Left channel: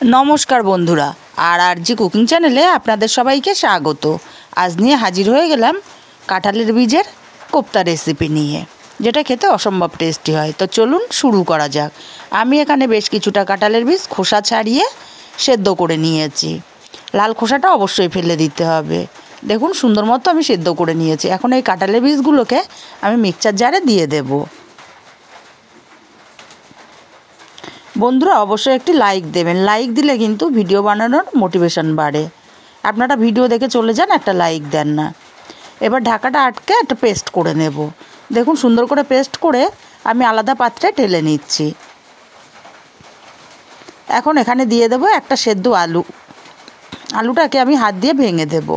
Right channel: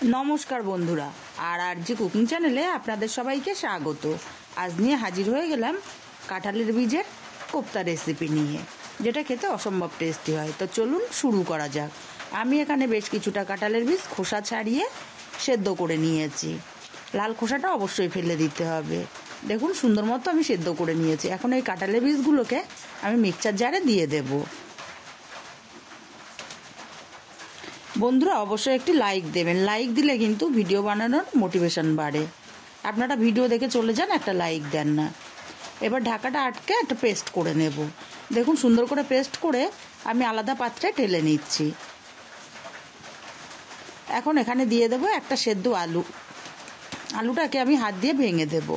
नमस्कार बंधुरा RG cooking चैनेले आपनादेर सबाइके स्वागत। आज निये हाजिर हये गेलाम काँठालेर बीजेर कोफ्ता रेसिपि निये, जेटा खेते असम्भव टेस्टी हय। तो चलुन शुरू करा जाक। आमी एखाने बेश किछुटा काँठालेर बीज खोसा छाड़िए सेদ্ধ करे नियेछि। लाल खोसाटा अवश्यई फेले दिते हबे। देखुन सुंदर मतो आमी सेদ্ধ करे नियेछि। एखन एई काँठालेर बीजगुलोके आमी मिक्सचार जारे दिए देब। बंधुरा अवश्य एक लाइक देवें, लाइक दिले किन्तु भिडियो बानानोर मोटिवेशन बाड़े। आपनारा भिडियो देखे चले जान, एक लाइक दें ना। एबार ढाकाटा आटके एक पेस्ट करे नेब। देखुन सुंदर करे पेस्ट करे आमी आलादा पात्रे ढेले निচ্ছি। এখন এখানে দিয়ে দেব একটা সেদ্ধ আলু। আলুটাকে আমি হাত দিয়ে ভেঙে দেব।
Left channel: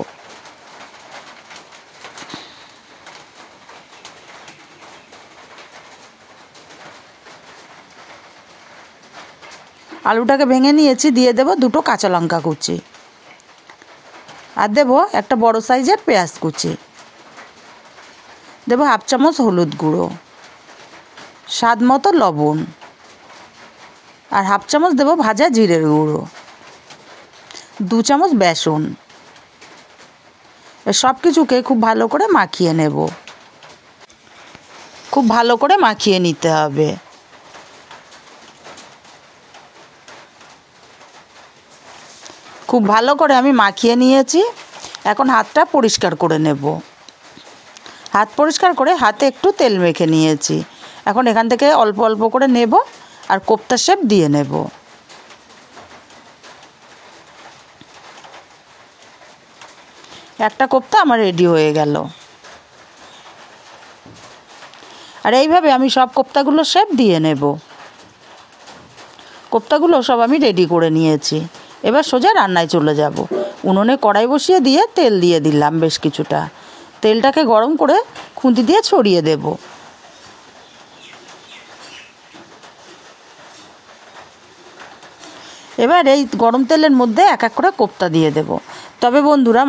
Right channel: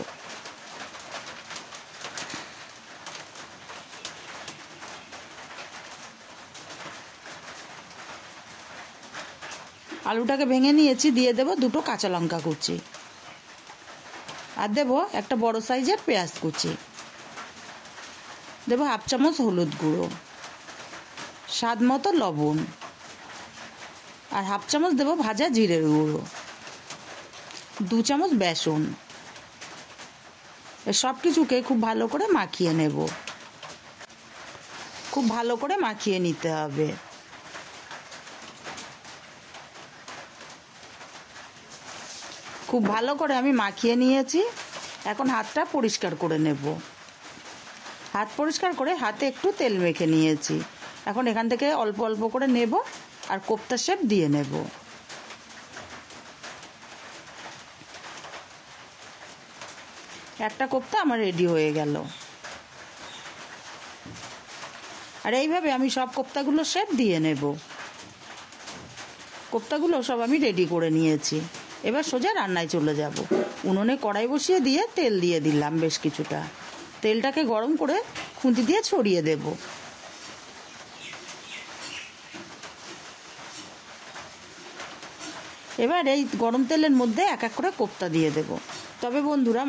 आलूटाके भेंगे निয়েছি, দিয়ে দেব দুটো কাঁচা লঙ্কা কুচি আর দেব একটা বড় সাইজের পেঁয়াজ কুচি, দেব হাফ চামচ হলুদ গুঁড়ো, স্বাদ মতো লবণ আর হাফ চামচ দেব ভাজা জিরের গুঁড়ো, 2 চামচ বেসন। সব কিছুকে খুব ভালো করে মাখিয়ে নেব। খুব ভালো করে মাখিয়ে নিতে হবে। खूब भालो करे आमी माखिए निয়েছি। এখন হাতটা পরিষ্কার করে নেব। হাত পরিষ্কার করে হাতে একটু তেল মেখে নিয়েছি। এখন এখান থেকে অল্প অল্প করে নেব আর কোফতা শেপ দিয়ে নেব। একটা কোফতা আমার রেডি হয়ে গেল। আর এইভাবে আমি সব কোফতাগুলো শেপ দিয়ে নেব। কোফতাগুলো সব আমি রেডি করে নিয়েছি। এবার সোজা রান্নায় চলে যাব। উনুনে কড়াই বসিয়ে দিয়ে তেল দিয়ে দিলাম বেশ কিছুটা। তেলটাকে গরম করে খুন্তি দিয়ে ছড়িয়ে দেব। এবার এই গরম তেলের মধ্যে এক এক করে কোফতা দিয়ে দেব। তবে বন্ধুরা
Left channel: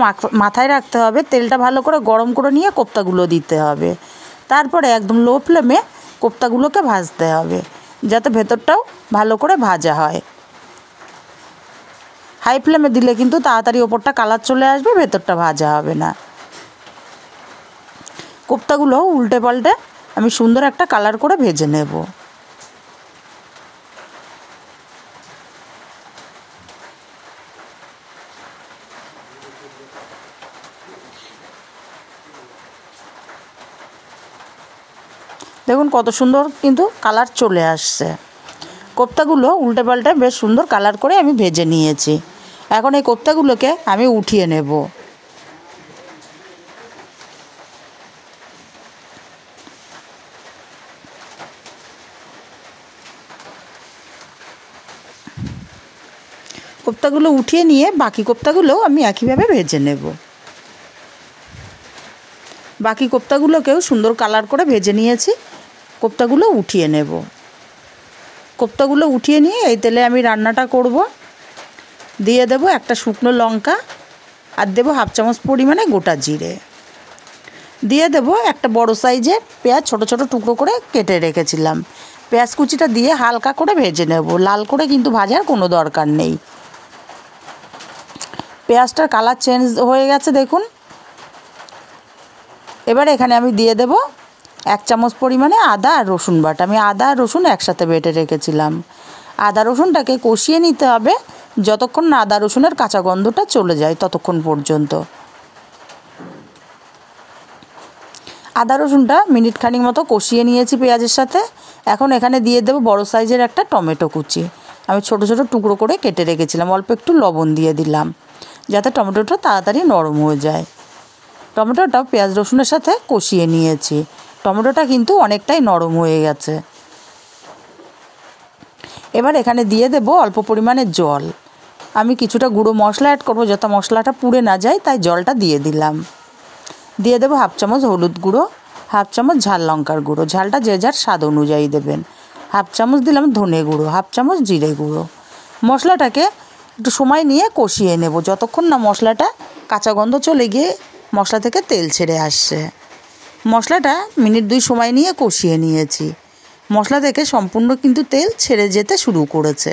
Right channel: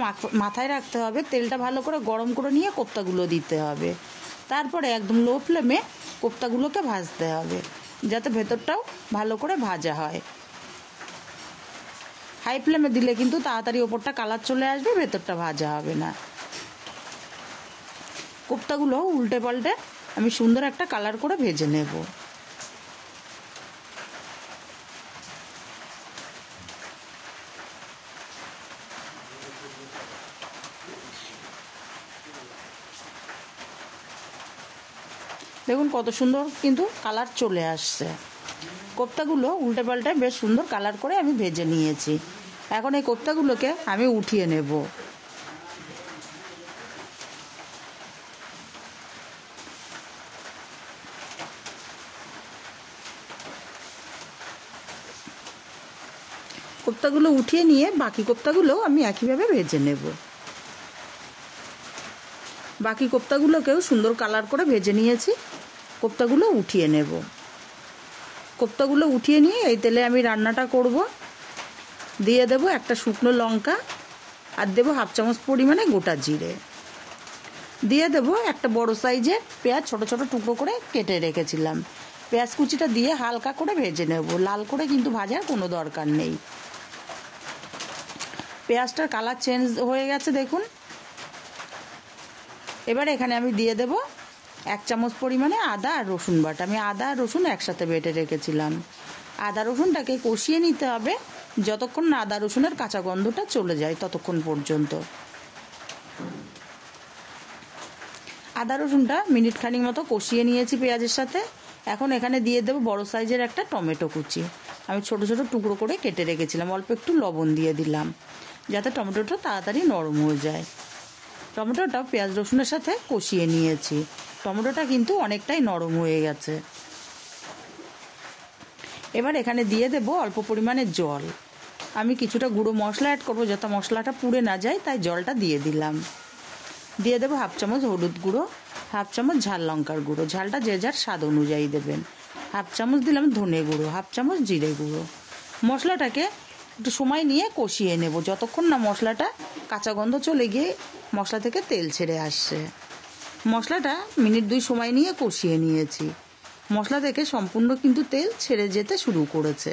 মাথায় রাখতে হবে তেলটা ভালো করে গরম করে নিয়ে কোফতাগুলো দিতে হবে। তারপরে একদম লো ফ্লেমে কোফতাগুলোকে ভাজতে হবে, যাতে ভেতরটাও ভালো করে ভাজা হয়। हाई फ्लेमे दिले किन्तु ताड़ाताड़ी ओपरटा कालार चले आसबे, भेतरटा भाजा होबे ना। कोफ्तागुलो उल्टे पाल्टे आमी सुंदर एकटा कालार करे भेजे नेब। देखुन कत सुंदर किन्तु कालार चले आसছে। कोफ्तागुलो उल्टे पाल्टे बेश सुंदर कालार करे आमी भेजे निয়েছি। এখন এই কোফতাগুলোকে আমি উঠিয়ে নেব। কোফতাগুলো উঠিয়ে নিয়ে বাকি কোফতাগুলো আমি একইভাবে ভেজে নেব। বাকি কোফতাগুলোকেও সুন্দর কালার করে ভেজে নিয়েছি। কোফতাগুলো উঠিয়ে নেব। কোফতাগুলো উঠিয়ে নিয়ে এই তেলে আমি রান্নাটা করব। দিয়ে দেব একটা শুকনো লঙ্কা আর দেব হাফ চামচ পরিমাণে গোটা জিরে। দিয়ে দেব একটা বড় সাইজের পেঁয়াজ ছোট ছোট টুকরো করে কেটে রেখেছিলাম। পেঁয়াজ কুচিটা দিয়ে হালকা করে ভেজে নেব, লাল করে কিন্তু ভাজার কোনো দরকার নেই। পেঁয়াজটার কালার চেঞ্জ হয়ে গেছে দেখুন। এবার এখানে আমি দিয়ে দেব 1 চামচ পরিমাণে আদা আর রসুন বাটা। আমি আদা আর রসুন একসাথে বেটে রেখেছিলাম। আদা রসুনটাকে কষিয়ে নিতে হবে যতক্ষণ না আদা রসুনের কাঁচা গন্ধটা চলে যায় ততক্ষণ পর্যন্ত। আদা রসুনটা মিনিট খানিক মতো কষিয়ে নিয়েছি পেঁয়াজের সাথে। এখন এখানে দিয়ে দেব বড় সাইজের একটা টমেটো কুচি। আমি ছোট ছোট টুকরো করে কেটে রেখেছিলাম। অল্প একটু লবণ দিয়ে দিলাম যাতে টমেটোটা তাড়াতাড়ি নরম হয়ে যায়। টমেটোটা পেঁয়াজ রসুনের সাথে কষিয়ে নিয়েছি। টমেটোটা কিন্তু অনেকটাই নরম হয়ে গেছে। এবার এখানে দিয়ে দেব অল্প পরিমাণে জল। আমি কিছুটা গুঁড়ো মশলা অ্যাড করব যাতে মশলাটা পুড়ে না যায়, তাই জলটা দিয়ে দিলাম। দিয়ে দেব হাফ চামচ হলুদ গুঁড়ো, হাফ চামচ ঝাল লঙ্কার গুঁড়ো, ঝালটা যে যার স্বাদ অনুযায়ী দেবেন। হাফ চামচ দিলাম ধনে গুঁড়ো, হাফ চামচ জিরে গুঁড়ো। মশলাটাকে একটু সময় নিয়ে কষিয়ে নেব যতক্ষণ না মশলাটা কাঁচা গন্ধ চলে গিয়ে মশলা থেকে তেল ছেড়ে আসছে। মশলাটা মিনিট 2 সময় নিয়ে কষিয়ে নিয়েছি। মশলা থেকে সম্পূর্ণ কিন্তু তেল ছেড়ে যেতে শুরু করেছে।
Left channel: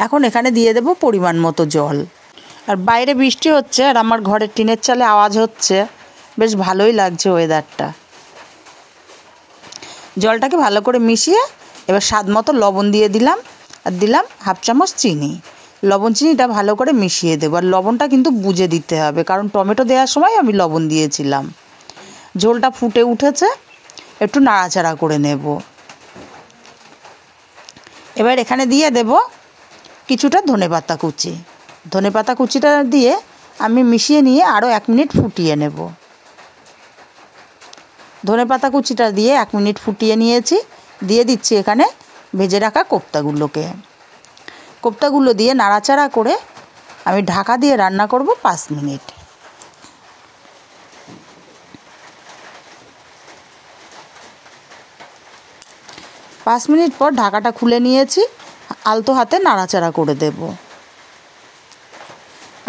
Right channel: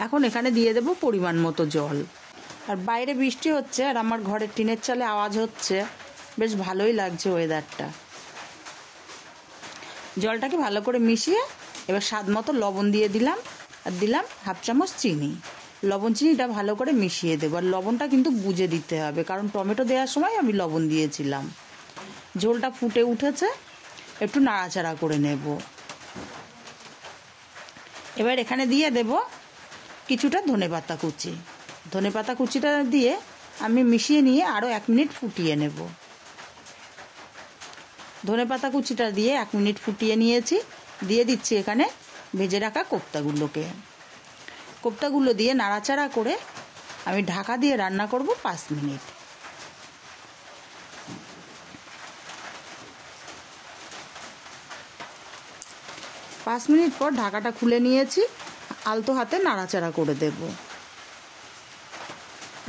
এখন এখানে দিয়ে দেব পরিমাণ মতো জল। আর বাইরে বৃষ্টি হচ্ছে আর আমার ঘরের টিনের চালে আওয়াজ হচ্ছে, বেশ ভালোই লাগছে ওয়েদারটা। জলটাকে ভালো করে মিশিয়ে এবার স্বাদ মতো লবণ দিয়ে দিলাম, আর দিলাম হাফ চামচ চিনি। লবণ চিনিটা ভালো করে মিশিয়ে দেবো, আর লবণটা কিন্তু বুঝে দিতে হবে, কারণ টমেটো দেওয়ার সময় আমি লবণ দিয়েছিলাম। ঝোলটা ফুটে উঠেছে, একটু নাড়াচাড়া করে নেব। এবার এখানে দিয়ে দেব কিছুটা ধনেপাতা কুচি। ধনেপাতা কুচিটা দিয়ে আমি মিশিয়ে নিয়ে আরও 1 মিনিট ফুটিয়ে নেব। ধনেপাতা কুচিটা দিয়ে 1 মিনিট ফুটিয়ে নিয়েছি। দিয়ে দিচ্ছি এখানে ভেজে রাখা কোপ্তাগুলোকে। কোপ্তাগুলো দিয়ে নাড়াচাড়া করে আমি ঢাকা দিয়ে রান্না করব 5 মিনিট। পাঁচ মিনিট পর ঢাকাটা খুলে নিয়েছি, আলতো হাতে নাড়াচাড়া করে দেব।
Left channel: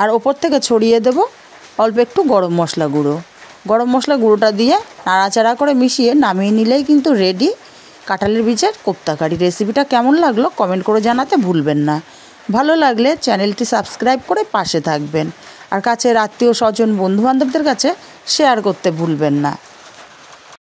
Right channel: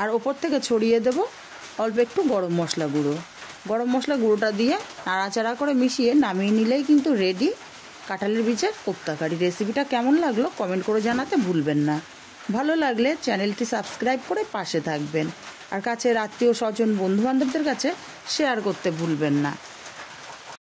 আর ওপর থেকে ছড়িয়ে দেব অল্প একটু গরম মশলা গুঁড়ো। গরম মশলা গুঁড়োটা দিয়ে নাড়াচাড়া করে মিশিয়ে নামিয়ে নিলেই কিন্তু রেডি কাঁঠালের বীজের কোপ্তা কারি। রেসিপিটা কেমন লাগলো কমেন্ট করে জানাতে ভুলবেন না। ভালো লাগলে চ্যানেলটি সাবস্ক্রাইব করে পাশে থাকবেন, আর কাছের আত্মীয় স্বজন বন্ধুবান্ধবদের কাছে শেয়ার করতে ভুলবেন না।